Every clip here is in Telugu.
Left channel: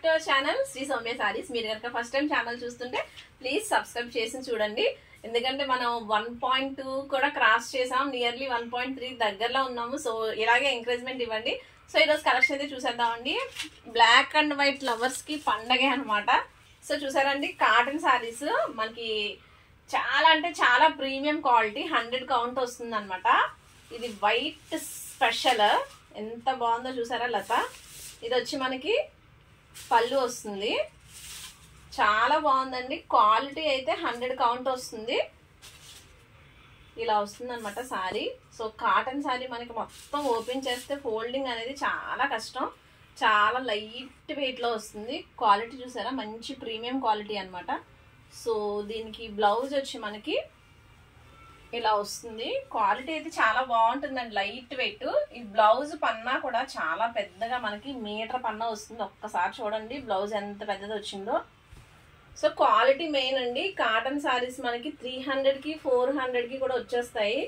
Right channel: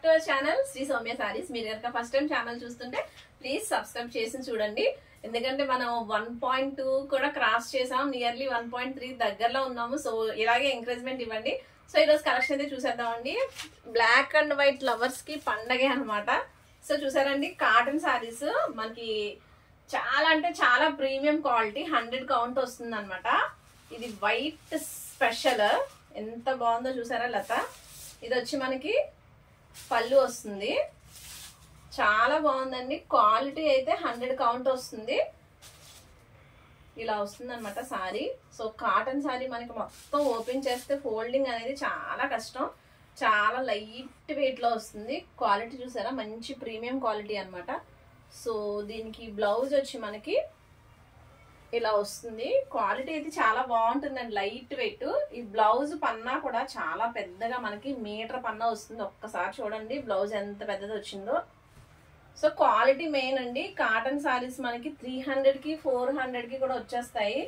Back to our channel Sri Sowmya sarees. మీరు కనుక ఫస్ట్ టైం ఛానల్ చూస్తుంటే ప్లీజ్ సబ్స్క్రైబ్ చేసి చూడండి. ఎందుకంటే మనం 1.2 కూడా క్రాస్ చేసాం, నియర్లీ 1.3 దగ్గరలో ఉన్నాము. సో ఇలాగే ఎంకరేజ్మెంట్ ఇవ్వండి. సో ఈరోజు కలెక్షన్ అయితే చూసేద్దామండి. బ్లాక్ అండ్ వైట్ లవర్స్ కి పండగే అనమాట. సో చూసారండి, కాటన్ సారీస్ మనకి చాలా అంటే చాలా ప్రీమియం క్వాలిటీ, 100 కౌంట్ వస్తుంది అనమాట. ఇది వైట్ స్పెషల్, ఎంత బాగుందో చూసారా లత. ఇది వచ్చి మనకి పళ్ళు వస్తుంది, చాలా బాగుందండి. క్వాలిటీ అయితే 100 కౌంట్ వస్తుంది. ఇలా వస్తుంది అనమాట సారీ. సో కాటన్ సారీ మనకి మొత్తం ఓపెన్ చేస్తే ఫోల్డింగ్ అనేది చాలా కష్టం, చాలా లైట్ వెయిట్ లో వస్తుంది. క్వాలిటీ చూసారా, మంచి ప్రీమియం క్వాలిటీ అనమాట. సో దీనికి బ్లౌజ్ వచ్చి మనకి ఇలా వస్తుంది. క్వాలిటీ అయితే చాలా బాగుంటుందండి, లైట్ వెయిట్. ఈ బ్లౌజ్ పన్నా కూడా చాలా పెద్దగా మనకి మీటర్ పన్నా వస్తుంది. ఒక్కసారి చూడండి బ్లౌజ్ ఎంత పెద్దది వచ్చిందో. సో క్వాలిటీ మెయిన్ అండి. కాటన్ సారీస్ మనకి 300కి 400కి కూడా వచ్చేస్తాయి.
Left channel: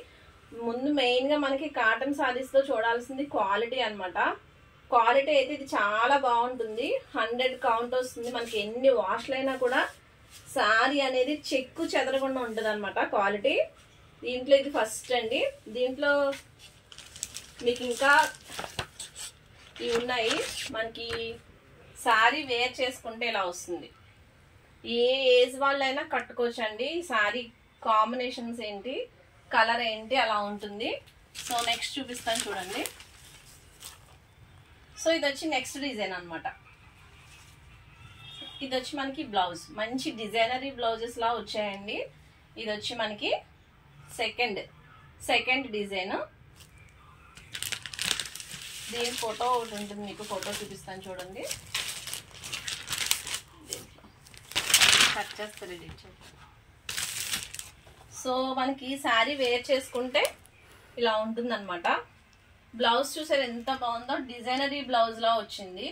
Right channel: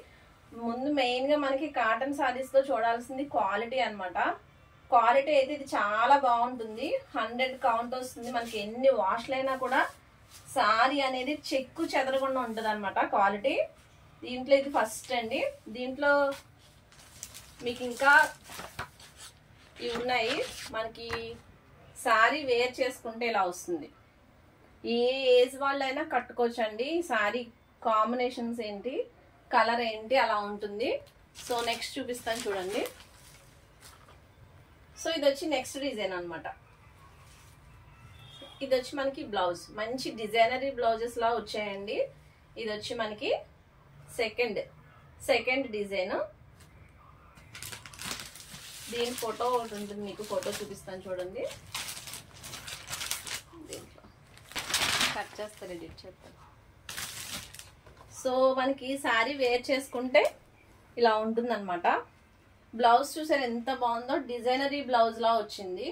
ముందు మెయిన్ గా మనకి కాటన్ సారీస్ లో చూడాల్సింది క్వాలిటీ అనమాట. క్వాలిటీ అయితే ఇది చాలా బాగుంటుంది, 100 కౌంట్ వస్తుంది. మనకి ఎన్ని వాష్లైనా కూడా సారీ అనేది చెక్కు చెదరకుండా ఉంటుంది అనమాట క్వాలిటీ. దీంట్లో ఇది ఫస్ట్ అండి. దీంట్లో మీకు ఇంకా ఇవి ఉన్నాయి. మనకి సారీ వేర్ చేసుకుంటే ఇలా వస్తుంది. ఏ ఏజ్ వాళ్ళైనా కట్టుకోవచ్చండి. సారీ కాంబినేషన్స్ ఏంటి, కలర్ ఏంటి, అలా ఉంటుంది. సో నెక్స్ట్ చూపిస్తాను చూడండి. సో ఇది వచ్చి నెక్స్ట్ డిజైన్ అనమాట. ఇది వచ్చి మనకి బ్లౌజ్, మంచి డిజైనరీ బ్లౌజెస్ లా వచ్చాయండి. ఇది వచ్చి మనకి సెకండ్ డిజైన్. దీని ఫోటో ఒకటి ఉంటుంది, మీకు ఫోటో చూపిస్తాను చూడండి. కట్ చేస్తారు ఇది చెప్పండి. సో మనకి సారీ వేర్ చేసుకుంటే ఇలా ఉంటుంది అనమాట. బ్లౌజ్ చూసారు ఎంత బాగుందో, డిజైనరీ బ్లౌజ్ లా వచ్చింది.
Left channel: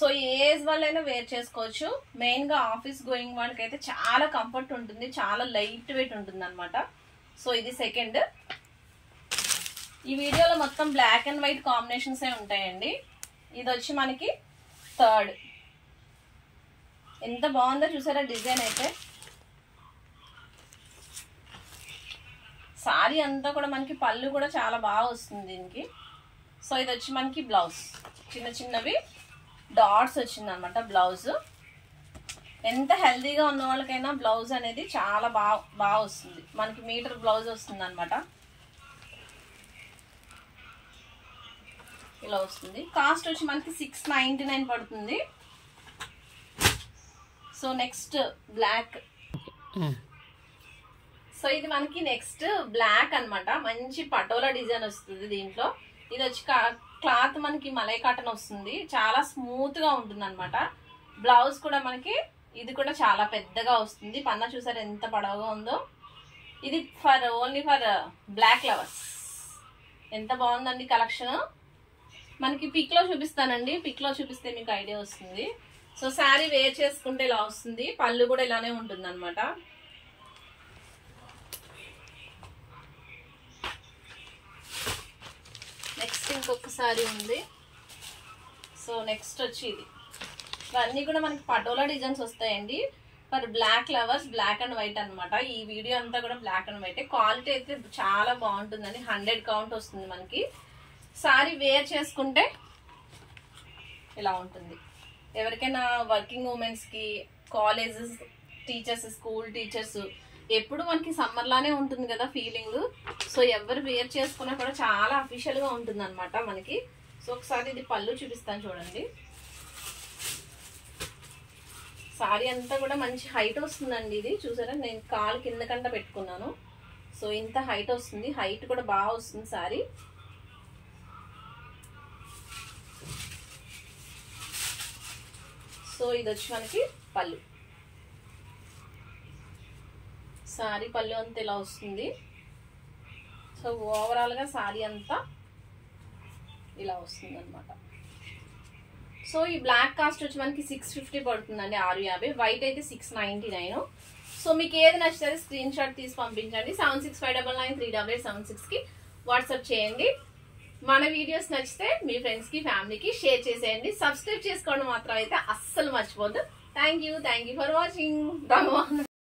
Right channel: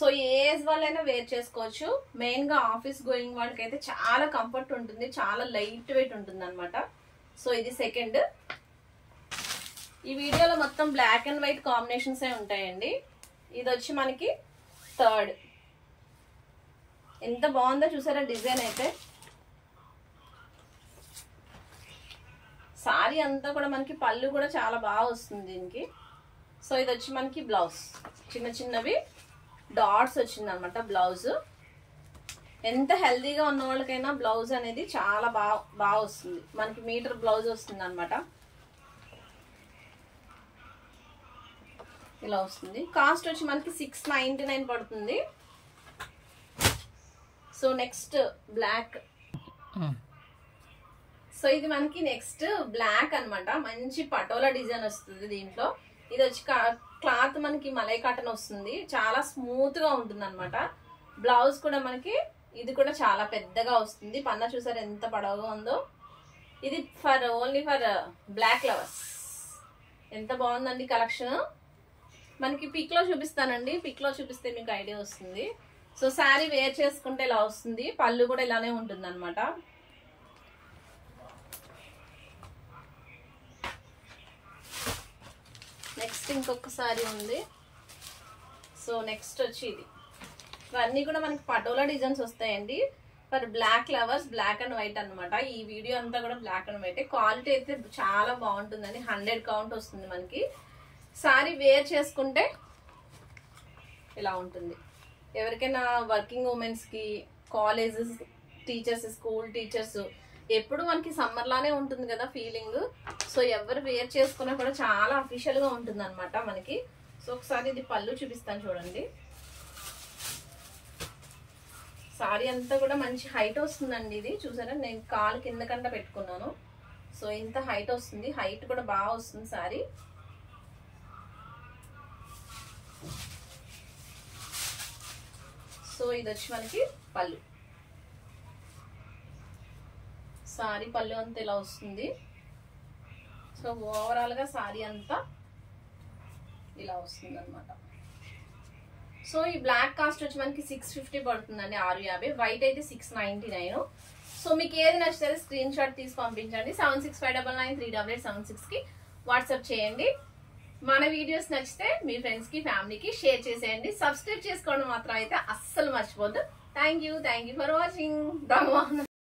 సో ఏ ఏజ్ వాళ్ళైనా వేర్ చేసుకోవచ్చు. మెయిన్ గా ఆఫీస్ గోయింగ్ వాళ్ళకి అయితే చాలా కంఫర్ట్ ఉంటుంది, చాలా లైట్ వెయిట్ ఉంటుంది అనమాట. సో ఇది సెకండ్. ఈ వీడియోలో మొత్తం బ్లాక్ అండ్ వైట్ కాంబినేషన్స్ ఏ ఉంటాయండి. ఇది వచ్చి మనకి థర్డ్. ఎంత బాగుందో చూసారా డిజైన్ అయితే. సారీ అంతా కూడా మనకి పళ్ళు కూడా చాలా బాగా వస్తుంది దీనికి. సో ఇది వచ్చి మనకి బ్లౌజ్, చిన్న చిన్నవి డాట్స్ వచ్చింది అనమాట బ్లౌజ్. ఎంత హెల్దీగా ఉన్న వాళ్ళకైనా బ్లౌజ్ అనేది చాలా బాగా వస్తుంది. మనకి మీటర్ బ్లౌజ్ వస్తుంది అనమాట. ఇలా వస్తుంది. కాస్ట్ వచ్చి మనకి 699 పడుతుంది. So next black. సో ఇది మనకి నెక్స్ట్ బ్లాక్ అనమాట. మంచి పటోలా డిజైన్ వస్తుంది దీంట్లో. ఇది వచ్చి క్లాత్ మనకి మలై కాటన్ వస్తుంది, చాలా స్మూత్ గా ఉంటుంది అనమాట. బ్లౌజ్ కూడా మనకి ఇది కూడా చాలా పెద్దగా వస్తుంది. పన్నా చూసారు ఎంత పొడవుగా ఉందో. ఇది ఓన్లీ ఫర్ బ్లాక్ లవర్స్. ఎంత బాగుందండి కలెక్షన్. మనకి పిక్ లో చూపిస్తానండి, పిక్ లో చూపిస్తే మీకు ఐడియా వస్తుంది. సో శారీ వేర్ చేసుకుంటే ఇలా వస్తుంది. పళ్ళు కూడా ఇలానే ఉంటుంది అనమాట. నెక్స్ట్ ఇంకొక సారీ ఉంది. సో నెక్స్ట్ వచ్చి ఇది. ఇవన్నీ కూడా మనకి పటోలా డిజైన్స్ వస్తాయండి. For black lovers, black and white అనమాట. ఈ వీడియో అంతా కూడా బ్లాక్ అండ్ వైట్. క్వాలిటీ అయితే చాలా బాగుంటుందండి, 100 కౌంట్ వస్తుంది మనకి. సారీ వేర్ చేసుకుంటే ఇలా ఉంటుంది. ఎవరికైనా వర్కింగ్ ఉమెన్స్ కి, కాలేజెస్ టీచర్స్, స్కూల్ టీచర్స్, ఎప్పుడు మనకి సమ్మర్ లానే ఉంటుంది కదా ఫీలింగ్. సో ఎవరు వేర్ చేసుకున్నా కూడా చాలా అఫీషియల్ గా ఉంటుంది అనమాట మనకి. సో ఒకసారి ఇది పళ్ళు చూపిస్తాను చూడండి. సారీ అంతా కూడా మంచి హైట్ వస్తుందండి. ఇది చూసారా, నేను కాలు కింద కంట పెట్టుకున్నాను. సో ఇంత హైట్ వస్తుంది, హైట్ కూడా బాగా వస్తుంది సారీ. సో ఇది వచ్చి మనకి పళ్ళు. సారీ పళ్ళు అంతా ఇలా వస్తుంది. సో ఓవరాల్ గా సారీ అంతా ఇలా వస్తుంది అనమాట. సో ఈ బ్లాక్ కాస్ట్ వచ్చి మనకి 650 పడుతుందండి, 650. వైట్ అయితే 699. సో మీకు ఏది నచ్చితే స్క్రీన్ షాట్ తీసి పంపించండి. 7659938876కి వాట్సాప్ చేయండి. మన వీడియోస్ నచ్చితే మీ ఫ్రెండ్స్ కి ఫ్యామిలీకి షేర్ చేసేయండి. సబ్స్క్రైబ్ చేసుకోవడం మాత్రం అయితే అస్సలు మర్చిపోద్దు. Thank you for watching.